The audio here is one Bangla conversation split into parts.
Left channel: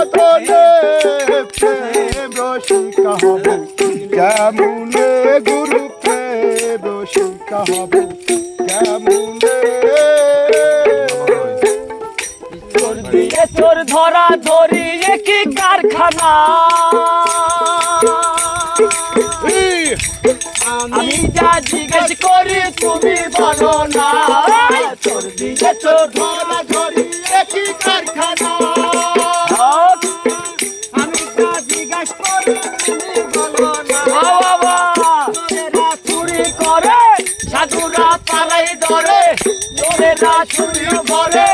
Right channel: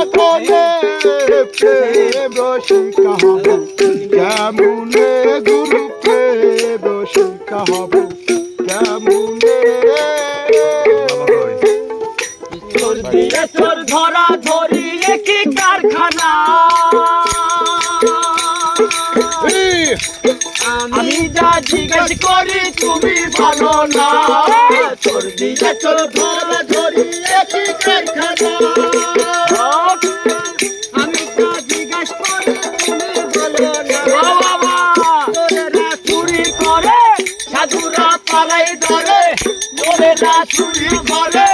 সাধনে প্রেম রসিকা হব কেমনে গুরু প্রেম রসিকা হব কেমনে তোর ধরা ধরি কি কারখানা আমি যা জিজ্ঞেস করি তুমি বলো না তোর দিকে তোর ধরা ধরি কি কারখানা আমি যা জিজ্ঞেস করি তুমি বলো না তোরেরা চুরি করে সাধুরা পালাই ধরে তোরেরা চুরি করে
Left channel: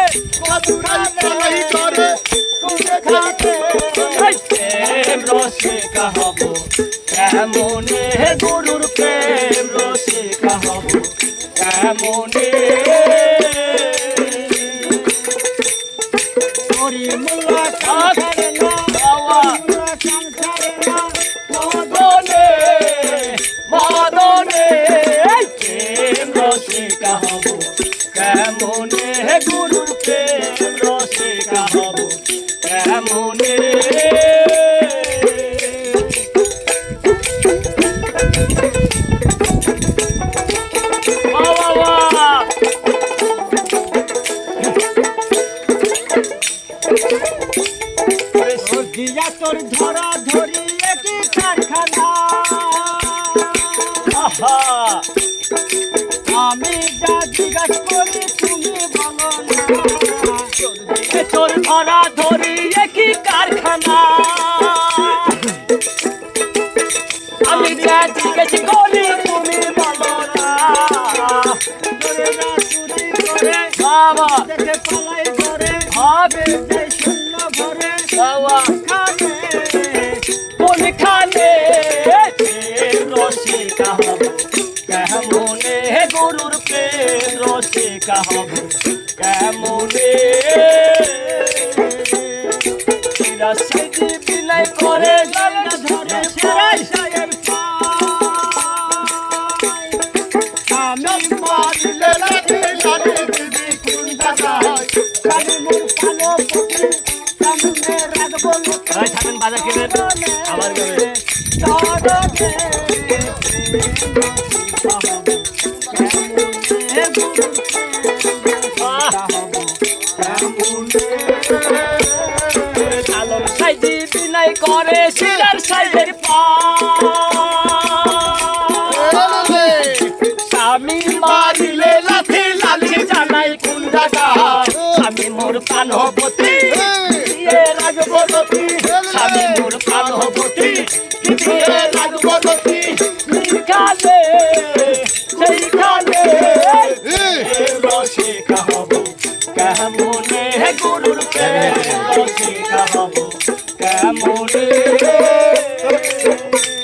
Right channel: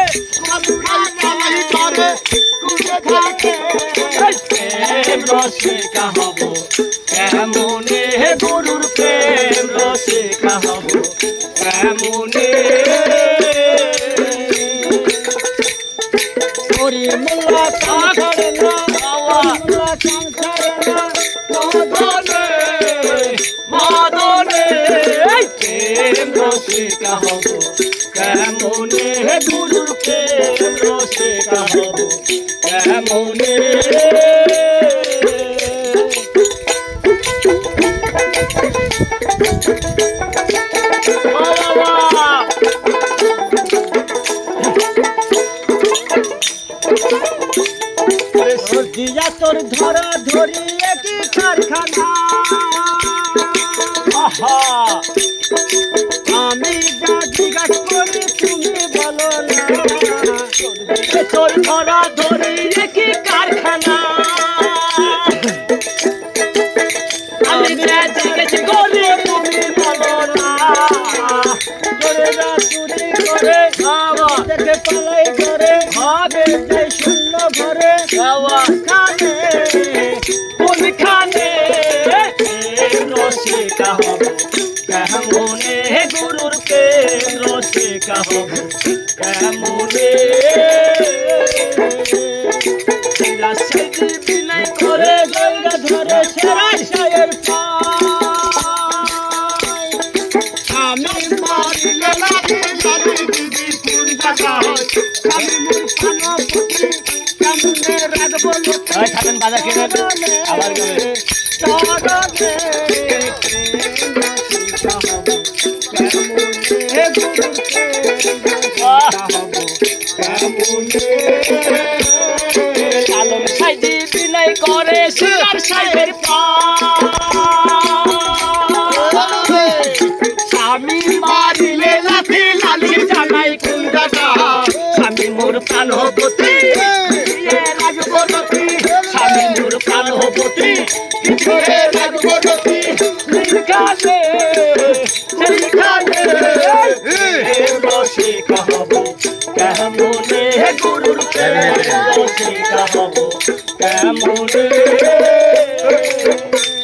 রসিকা হব কেমনে গুরুর প্রেম রসিকা হব কেমনে মোল্লা সংসারে না মোল্লা সংসারে না মদনে মদনে প্রেম রসিকা হব কেমনে গুরুর প্রেম রসিকা হব কেমনে দিয়া তোর ধরা ধরি একই কারখানা আমি যা জিজ্ঞাসা করি তুমি বলো না তোর ধরা ধরি একই কারখানা আমি যা জিজ্ঞাসা করি তুমি বলো না তোরেরা চুরি করে দেখে পালাই করে হবে যে শূন্য ঘরে খানে কোন খানে রসিকা হব কেমনে গুরুর প্রেম রসিকা হব কেমনে বিলাই করে জায়গা ধরে সেরাই সায়ের আমি মারিলে লাগে জানি দিদি কোন জায়গা হয় আমি মুখ পানো পুতি কেমনে রাখবো ওই থাকেন বাজার কিনে আবার গেলে আলম সাইদি বিলাই করে শিলার সাইদের আমি মারিলে লাথি লালি জানাই কোন জায়গা আমি মোর প্রাণবতী রাজবতী আমি মোর প্রাণবতী রাজবতী সেইখানে সেইখানে রসিকা হব কেমনে গুরুর প্রেম রসিকা হব কেমনে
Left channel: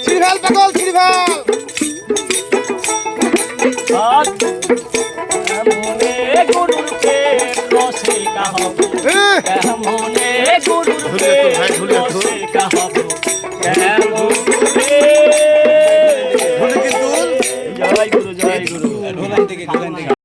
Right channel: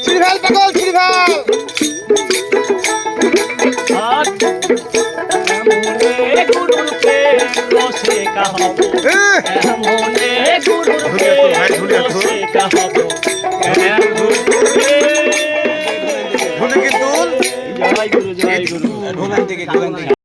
শ্রীভাল পাগল শ্রীভাল